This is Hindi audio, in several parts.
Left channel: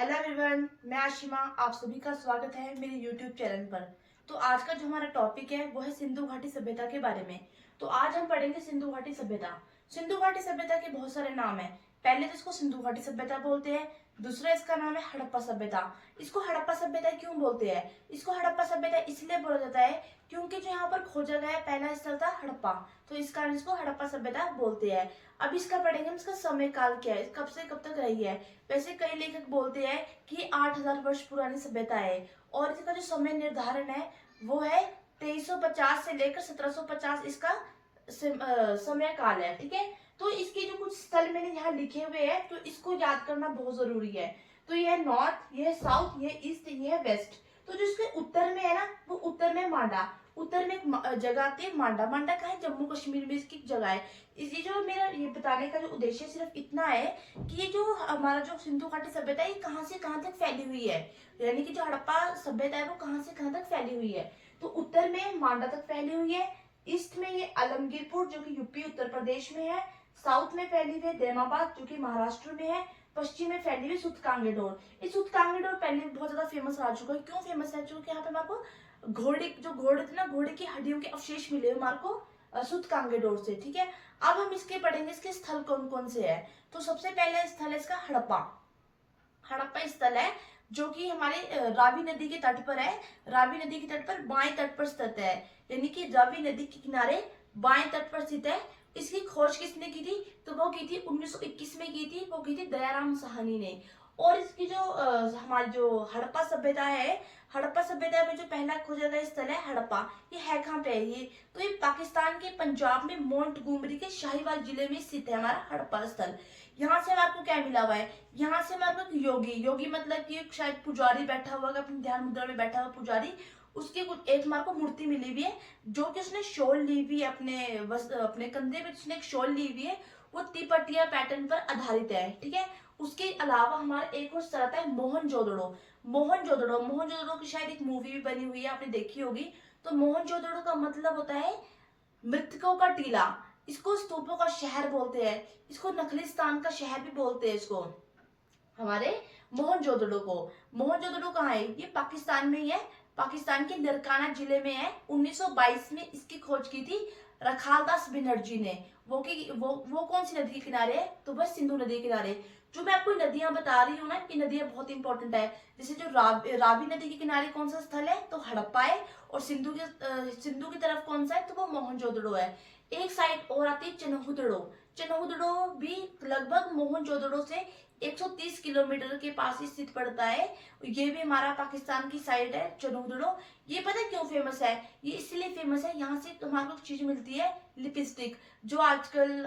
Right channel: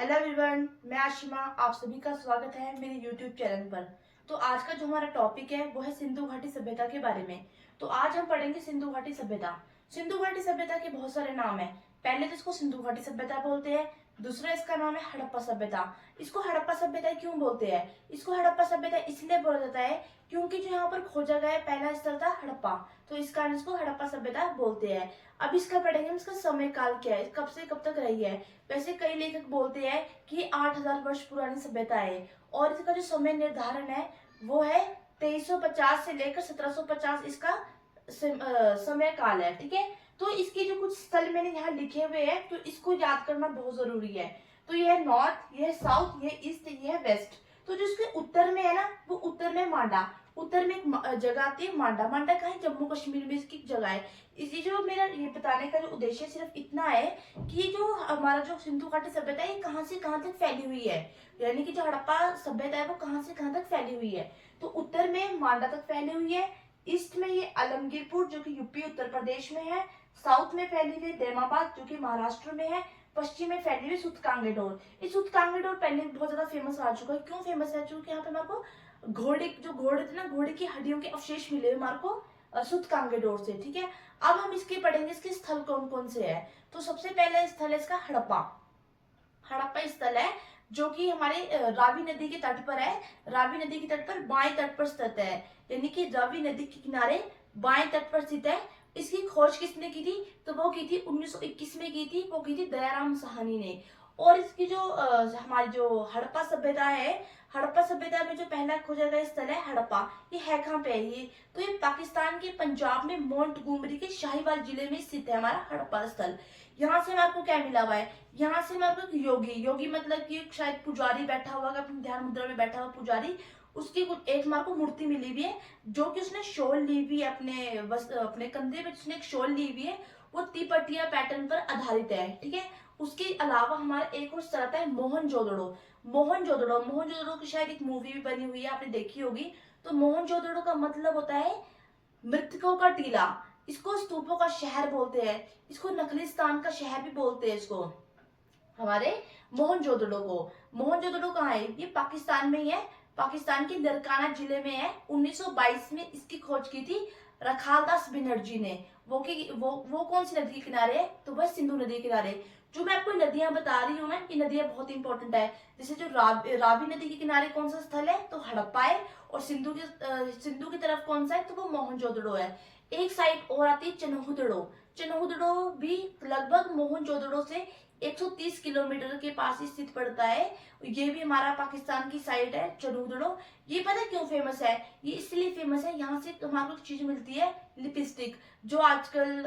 हेलो एवरीवन, मैं आशिमा। आप सभी का स्वागत है मेरे यूट्यूब चैनल पर। तो आज का जो हमारा टॉपिक है वो है सिंधु घाटी सभ्यता के बारे में। तो आज हम पढ़ेंगे सिंधु घाटी सभ्यता। सिंधु घाटी सभ्यता के बहुत सारे नाम हैं। पहले तो इसको सिंधु घाटी सभ्यता बोलते हैं। दूसरा इसका नाम है हड़प्पा सभ्यता। इसको हड़प्पा सभ्यता क्यों बोलते हैं? इसको हड़प्पा सभ्यता इसलिए बोला जाता है क्योंकि जो यहाँ पर खोजा गया पहला स्थल था हड़प्पा, तो इस कारण इसको हड़प्पा सभ्यता बोलते हैं। अब इसका पढ़ेंगे हम, इसका समय काल क्या है, कब से कब तक रही है। वैसे कई लेखक बोलते हैं कि 8000 वर्ष पुरानी सभ्यता है और इसका जो समय निर्धारण है वो है 2350 से लेकर 1750 इसका समय काल है। ठीक है, तो इसके जो कुछ स्थल मैंने यहाँ लिखे हुए हैं तो इसको याद करना बहुत जरूरी है। तो यह है नॉर्थ, यह है साउथ, यह ईस्ट, यह है वेस्ट। तो जो इसके उत्तर में है ना, वो उत्तर में मांडा, उत्तर में एक जगह आती है मांडा। मांडा कहाँ है? जम्मू कश्मीर में इसकी जगह है। इसी जो मेरा ये बताने का जो उद्देश्य सिर्फ इतना है कि ये जो हमारा जो सिंधु घाटी सभ्यता है ये कहाँ से कहाँ तक फैली हुई है, यानी कि जो हड़प्पा सभ्यता है वो कहाँ से कहाँ तक फैली हुई है। तो उत्तर में मांडा तक फैली हुई है, ईस्ट में ये आलमगीरपुर जो कि यूपी उत्तर प्रदेश में है, साउथ में फैली हुई है देमाबाद जो कि महाराष्ट्र में है, पश्चिम में फैली हुई सूतकांगेडोर। ये सूतकांगेडोर पहले बहुत ज्यादा फेमस आ चुका है। क्यों फेमस है? क्योंकि यहाँ पे हमारे को घोड़े थे ना, घोड़े की हड्डियों के अवशेष मिले हमारे को सूतकांगेडोर से। ठीक है, अब हम इसके पढ़ेंगे इसके स्थल कौन कौन से है। तो सबसे पहला स्थल है इसका हड़प्पा। हड़प्पा स्थल है जो कि हमारे रावी नदी के तट पर है। रावी नदी के तट पर बाएं तट पर स्थित है, यानी कि रावी नदी के किनारे बाएं तट पर स्थित है। इसकी खोज किसने की थी? तो वो की थी 1921 में की थी, वो की थी दयाराम साहनी ने। और इसकी जो हमारी जो हड़प्पा सभ्यता है, हड़प्पा सभ्यता में जो पहला खोजा गया स्थल है हड़प्पा, ये है कहाँ पे है ये? तो ये पाकिस्तान के पंजाब में मोंटगोमरी के शाहीवाल जिले में स्थित है हमारा हड़प्पा स्थल। यहाँ से हमारे को क्या मिला हुआ है? यहाँ से हमारे को योगी, योगी मतलब कि शायद पुजारी बैठा हुआ है, अपने ध्यान मुद्रा में बैठा हुआ पुजारी, उसकी कुछ एक हमारे को मूर्ति मिली हुई है जो कि उसने शॉल ली हुई है, अपने कंधे पे उसने एक शॉल ली हुई है। वो तिपटिया पैटर्न पर आधारित है। ठीक है, उसके अलावा हमारा एक और स्थल आता है मोहनजोदड़ो। मोहनजोदड़ो की शायद एक मूवी भी बनी हुई है, आपने देखी होगी। तो मोहनजोदड़ो का मतलब होता है मृतकों का टीला। इसको स्तूपों का शहर बोलते हैं, इसको नखलिस्तान का शहर भी बोलते हैं इसको, हमारे मोहनजोदड़ो को। मोहनजोदड़ो कहाँ है? ये पाकिस्तान में ही है, पाकिस्तान के नरकाना जिले में है। 1922 में इसकी खोज की थी रखालदास बनर्जी ने। वो कौन सी नदी के किनारे है? तो वह सिंधु नदी के किनारे। जो मैं आपको नदियां बता रही हूँ ना, ये नदियां बहुत इंपॉर्टेंट है। जैसे जो रावी नदी के किनारे कौन सा स्थल है? तो हड़प्पा है। और सिंधु की तरफ कौन सा है? तो वो मोहनजोदड़ो है। एक साइड और आती है चनहुदड़ो। चनहुदड़ो भी लगभग मोहनजोदड़ो से 130 किलोमीटर के पास ही स्थित पड़ता है। ये भी हमारा पाकिस्तान की साइड है चनहुदड़ो। ये पता है क्यों फेमस है? ये इसलिए फेमस है, यहाँ से हमारे को चीज मिलती है लिपस्टिक। जो आजकल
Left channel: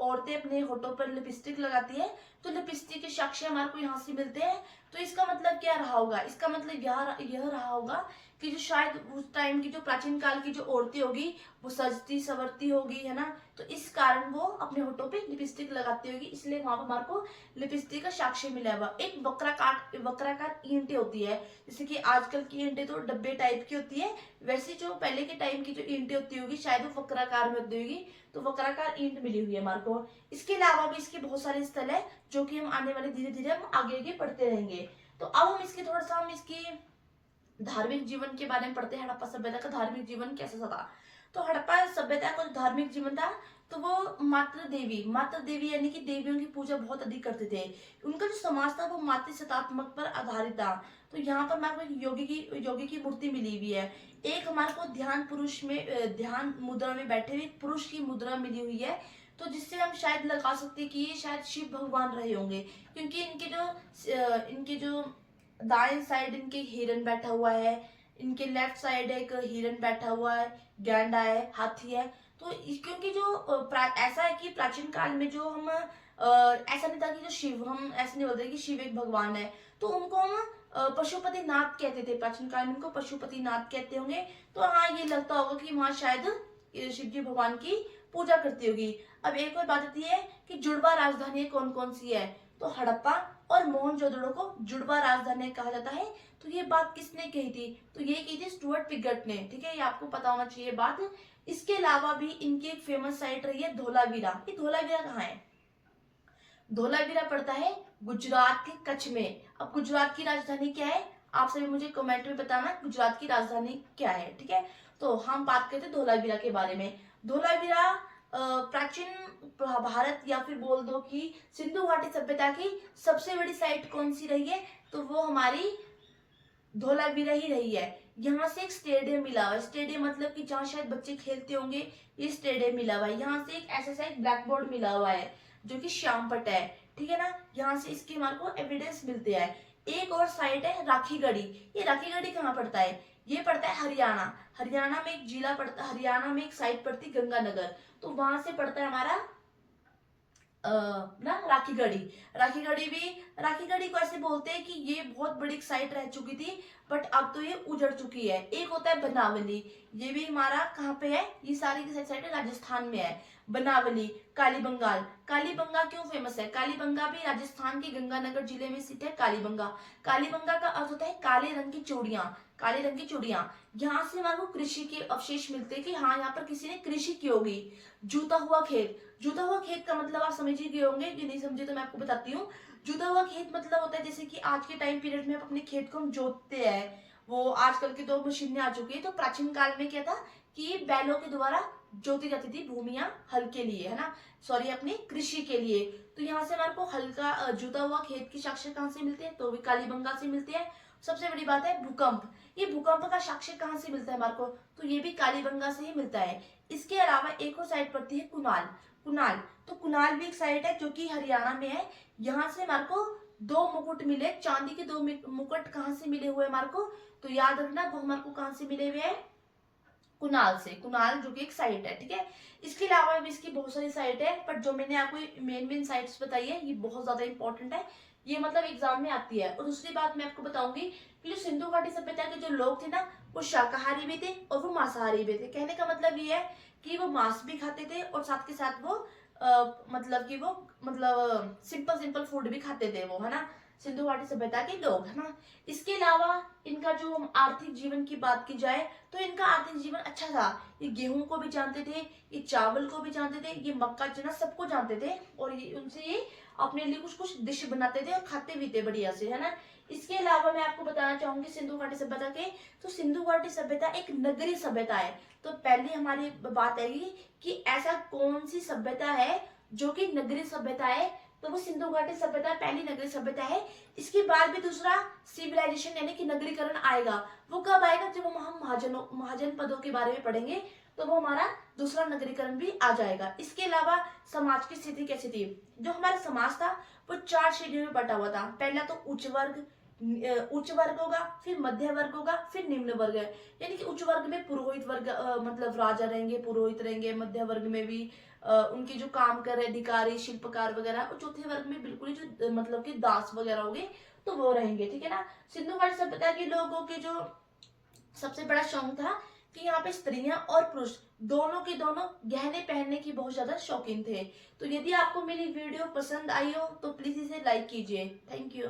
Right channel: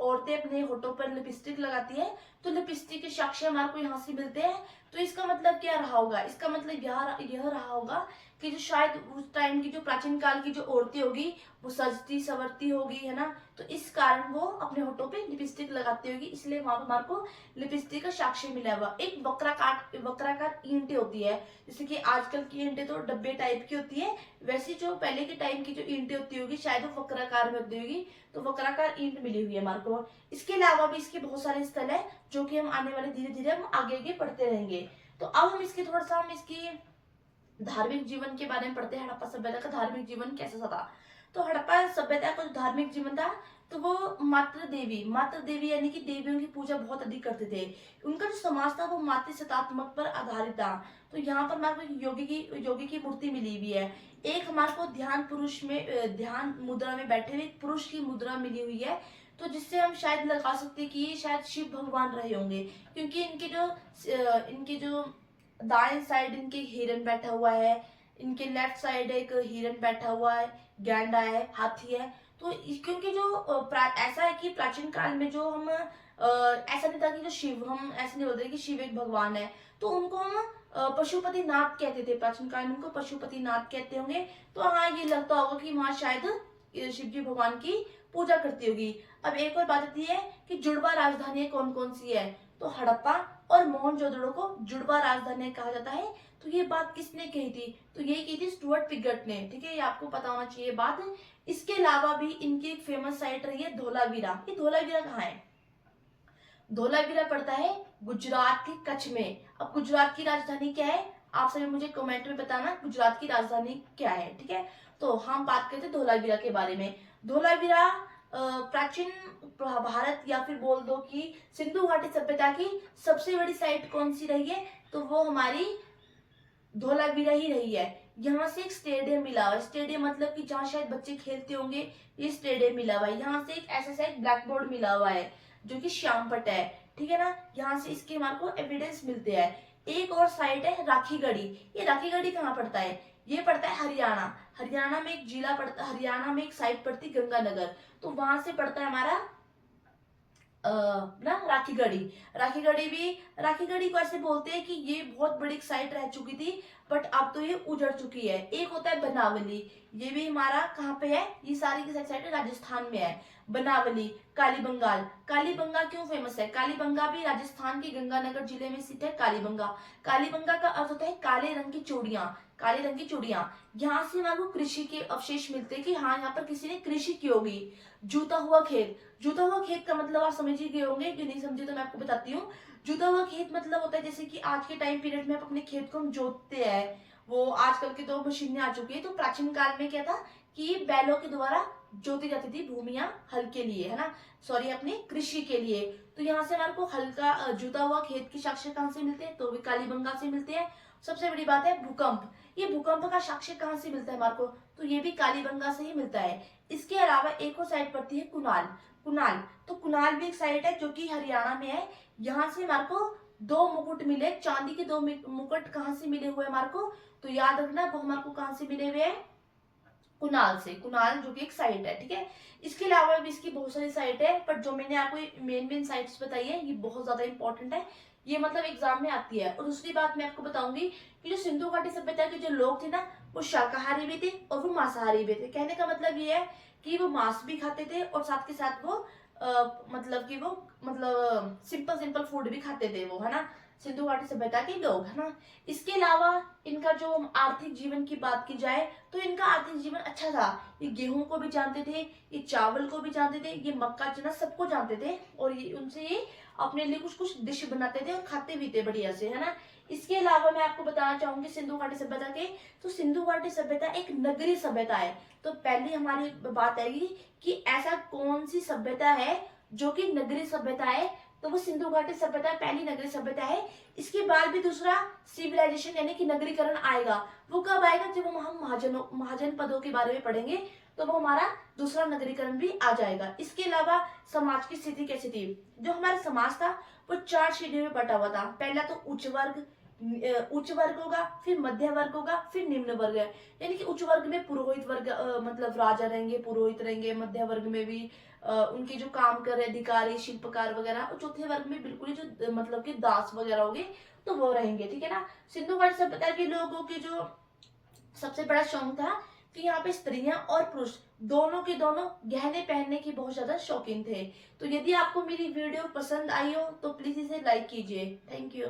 औरतें अपने होठों पर लिपस्टिक लगाती है, तो लिपस्टिक के साक्ष्य हमारे को यहाँ से मिलते हैं। तो इसका मतलब क्या रहा होगा? इसका मतलब यह रहा होगा कि जो शायद उस टाइम की जो प्राचीन काल की जो औरतें होगी वो सजती सवरती होगी, है ना, तो इस कारण वो अपने होठों पे लिपस्टिक लगाती होगी, इसलिए वहां पर हमारे को लिपस्टिक का साक्ष्य मिला हुआ। एक वक्राकार ईंटें होती है, जैसे कि आजकल की ईंटें तो डब्बे टाइप की होती है, वैसे जो पहले के टाइम की जो ईंटें होती होगी शायद वो वक्राकार में होती होगी। तो वक्राकार ईंट मिली हुई है हमारे को। इसके अलावा भी इसके बहुत सारे स्थल है जो कि हम आने वाले धीरे धीरे हम आगे आगे पढ़ते रहेंगे। तो अब हम इसकी थोड़ा सा हम इसकी धार्मिक जीवन के बारे में पढ़ते हैं। हड़प्पा सभ्यता का धार्मिक जीवन कैसा था? तो हड़प्पा सभ्यता का जो धार्मिक जीवन था तो वो मातृ देवी यानी कि देवियों की पूजा बहुत अधिक करते थे। उनका जो समाज था वो मातृ सत्तात्मक पर आधारित था। तो यहाँ पर हमारे को योगी की मूर्ति मिली हुई है। एक हमारे को ध्यान मुद्रा में बैठे हुए पुरुष की मुद्रा मिली हुई है, तो जिससे हम शायद लगा सकते हैं कि ये शायद शिव भगवान रहे होंगे, क्योंकि इनके जो दाएं साइड इनके हिरन बैठा हुआ है, इनके लेफ्ट साइड एक हिरन बैठा हुआ है, गैंडा है, हाथी है। तो क्योंकि जो ऐसा है कि प्राचीन काल में जो हम ऐसा नहीं था कि जो शिव, हम ऐसे नहीं बोलते कि शिव एक भगवान है, तो उनको हम पशुपति नाथ कहते थे। प्राचीन काल में उनको पशुपति नाथ कहते होंगे। तो हाँ, ये लगता होगा कि वहां शायद शिव जी भगवान की पूजा करती होगी। अब एक और बात आती है कि जुड़वा राजधानी कौन कौन सी है? तो हड़प्पा और मोहनजोदड़ो को जुड़वा राजधानी कहा जाता है। तो ये बात किसने कही थी? तो ये की थी स्टुअर्ट पिगट ने। ठीक है, ये आपको पता होना चाहिए बात। इसके अलावा भी इनकी एक फेमस साइट रही है धोलावीरा। ये धोलावीरा कहाँ है? धोलावीरा पड़ता है गुजरात के कच्छ में। अब गुजरात की राजधानी क्या है, आप सभी मुझे कमेंट में बताना गुजरात की राजधानी क्या है, ठीक है। तो हम बात करते हैं धोलावीरा के बारे में। धोलावीरा प्राचीन भारत या फिर बोल दो कि सिंधु घाटी सभ्यता की सबसे बड़ी साइट कौन सी रही है, तो वो हमारी धोलावीरा ही रही है। यहाँ से एक स्टेडियम मिला हुआ है, स्टेडियम मतलब कि जहाँ शायद बच्चे खेलते होंगे, ये स्टेडियम मिला हुआ है। यहाँ से एक ऐसा एक ब्लैक बोर्ड मिला हुआ है जो कि श्यामपट्ट है, ठीक है ना। यहाँ से इसके हमारे को एविडेंस मिलते हैं। एक और साइट है राखीगढ़ी। ये राखीगढ़ी कहाँ पड़ता है, ये पड़ता है हरियाणा। हरियाणा में एक जिला पड़ता है, हरियाणा में एक साइट पड़ती है गंगानगर, तो वहां से पड़ता है हमारा ना राखीगढ़ी। राखीगढ़ी को ऐसे बोलते हैं कि ये बहुत बड़ी साइट रह चुकी थी, बट अब तो ये उजड़ चुकी है। एक होता है बनावली, ये भी हमारा कहाँ पे है, ये सारी की साइड राजस्थान में है। बनावली, कालीबंगाल। कालीबंगा क्यों फेमस है, कालीबंगा भी राजस्थान के गंगानगर जिले में स्थित है। कालीबंगा, कालीबंगा का अर्थ होता है काले रंग की चूड़ियां, काले रंग की चूड़ियां। यहाँ से हमारे को कृषि के अवशेष मिलते हैं कि हाँ यहाँ पर किसी ने कृषि की होगी। जूता हुआ खेत, जूता हुआ खेत का मतलब आप समझ ही गए होंगे, जो नहीं समझे तो मैं आपको बताती हूँ। जूता हुआ खेत मतलब होता है जैसे कि आज के टाइम पीरियड में आप अपने खेत को हम जोतते हैं, वो आजकल के तो मशीनें आ चुकी है। तो प्राचीन काल में क्या था कि बैलों के द्वारा जोती जाती थी भूमियां हल के लिए, है ना, सॉरी अपनी कृषि के लिए। तो यहाँ से हमारे को हल्का जुता हुआ खेत के साक्ष्य कहाँ से मिलते हैं, तो भी कालीबंगा से मिलते हैं। सबसे बड़ी बात है भूकंप, ये भूकंप का साक्ष्य कहाँ से मिलता है हमारे को, तो ये भी कालीबंगा से ही मिलता है। इसके अलावा एक और साइट पड़ती है कुनाल। कुनाल, तो कुनाल भी एक साइट है जो कि हरियाणा में है। यहाँ से हमारे को दो मुकुट मिले, चांदी के दो मुकुट कहाँ से मिले हुए हमारे को, तो याद रखना वो हमारे को कहाँ से मिले हुए हैं, कुनाल से। कुनाल जो कि एक साइट है, ठीक है। इसके अलावा भी इसकी बहुत सारी साइट है, पर जो मैंने आपको मेन साइट्स बताई है ये बहुत ज्यादा इंपॉर्टेंट है, ये मतलब एग्जाम में आती है। और दूसरी बात मैं आपको बताऊंगी कि जो सिंधु घाटी सभ्यता के जो लोग थे ना, वो शाकाहारी भी थे और वो मांसाहारी भी थे। कहने का मतलब ये है कि वो मांस भी खाते थे और साथ के साथ वो मतलब कि वो मतलब सिंपल सिंपल फूड भी खाते थे वो, है ना, सिंधु घाटी सभ्यता के लोग, है ना। इसके अलावा इनका जो आर्थिक जीवन की बात की जाए तो इनका आर्थिक जीवन अच्छा था। ये गेहूं को भी जानते थे, ये चावल को भी जानते थे, ये मक्का चना सबको जानते थे, और ये उनसे ये अपने लिए कुछ कुछ डिश बनाते थे और खाते भी थे बढ़िया से, है ना। इसके अलावा मैं आपको बताना चाहूंगी सिंधु घाटी सभ्यता के, तो सिंधु घाटी सभ्यता एक नगरीय सभ्यता है। तो पहली हमारी बात आएगी कि ऐसा कौन सी सभ्यता है जो कि नगरीय सभ्यता है, तो वो सिंधु घाटी सभ्यता पहली नगरीय सभ्यता है। इसके बाद भी दूसरा सिविलाइजेशन यानी कि नगरीकरण आएगा। वो कब आएगा, जब हम महाजन पदों के बारे में पढ़ेंगे, तो वो हमारा दूसरा नगरीकरण भी आ जाएगा। इसके अलावा समाज की स्थिति कैसी थी, जो हमारा समाज था वो 4 श्रेणियों में बटा हुआ था। पहला तो उच्च वर्ग होगा, फिर मध्य वर्ग होगा, फिर निम्न वर्ग है। यानी कि उच्च वर्ग में पुरोहित वर्ग मतलब राजा रहेंगे, पुरोहित रहेंगे। मध्य वर्ग में भी उनके जो काम कर रहे अधिकारी, शिल्पकार वगैरह। और चौथे वर्ग में बिल्कुल ही जो मतलब कि दास वगैरह होंगे, तो वो रहेंगे, ठीक है ना। सिंधु घाटी सभ्यता के लोगों की जो सबसे बड़ा शौक था कि यहाँ पे स्त्रियां और पुरुष दोनों के दोनों गहने पहनने की बहुत ज्यादा शौकीन थे। तो यदि आपको मेरी वीडियो पसंद आई हो तो प्लीज इसे लाइक कीजिए। Thank you.